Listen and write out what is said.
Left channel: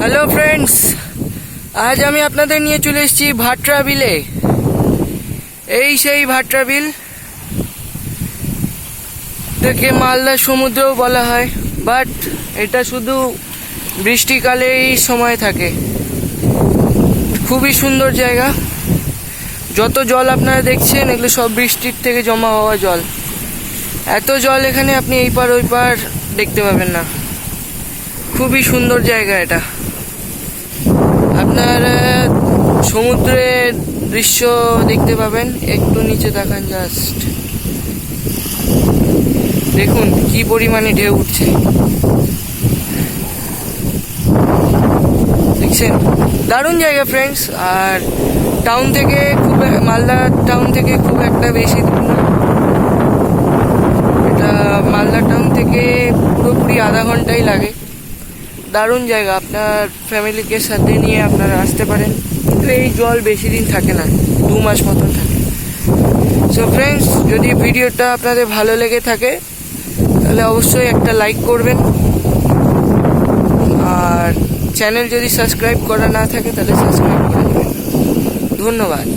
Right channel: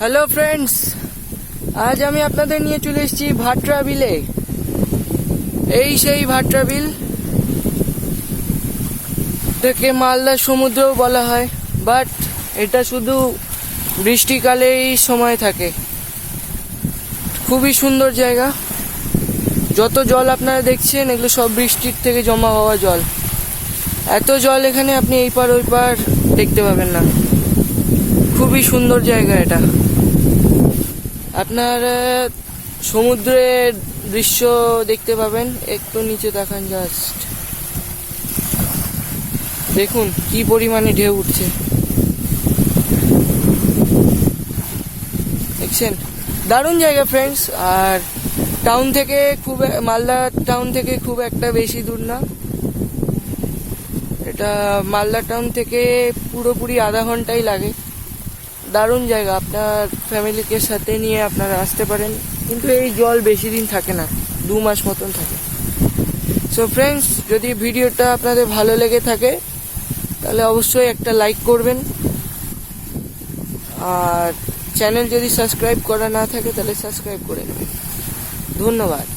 Hello friends, আজ আমি আপনাদের নিয়ে চলে এসেছি ভাটরা বিলে। এই সেই ভাটরা বিল, এটাকে মালদা সমুদ্রও বলা হয়, বাট এটা শুধু বৃষ্টিকালেই সময় থাকে। খুবই সুন্দর জায়গা। যত জল আপনারা দেখছেন এগুলো সব বৃষ্টির থেকে জমা হওয়া জল। এত জল এখানে আপনি এই পার ওই পার দেখতে পাবেন না। খুবই সুন্দর জায়গা এটা। আপনারা সমুদ্রের দৃশ্য দেখতে পাবেন। একটু নিচে তাকান, জাস্ট দেখুন কি পরিমাণে ঢেউ উঠছে, দেখছেন? দারুণ জায়গা ফ্রেন্ডস। আর টাউন থেকে মালদা টাউন থেকে খুব একটা বেশি দূর না। এটা মালদা টাউন থেকে পুরোপুরি আধা ঘন্টাই লাগে। দারুণ জায়গা, আপনার ফ্যামিলিকে সাথে নিয়ে আপনারা আসতে পারেন। কিন্তু এই জল বেশি দিন থাকে না, 2 মাস মতন থাকে। সো ফ্রেন্ডস, যদি ভিডিওটা আপনাদের ভালো লেগে থাকে তাহলে অবশ্যই একটা লাইক করবেন। আর চ্যানেল যদি সাবস্ক্রাইব করা না থাকে তাহলে সাবস্ক্রাইব করে দেবেন। ধন্যবাদ।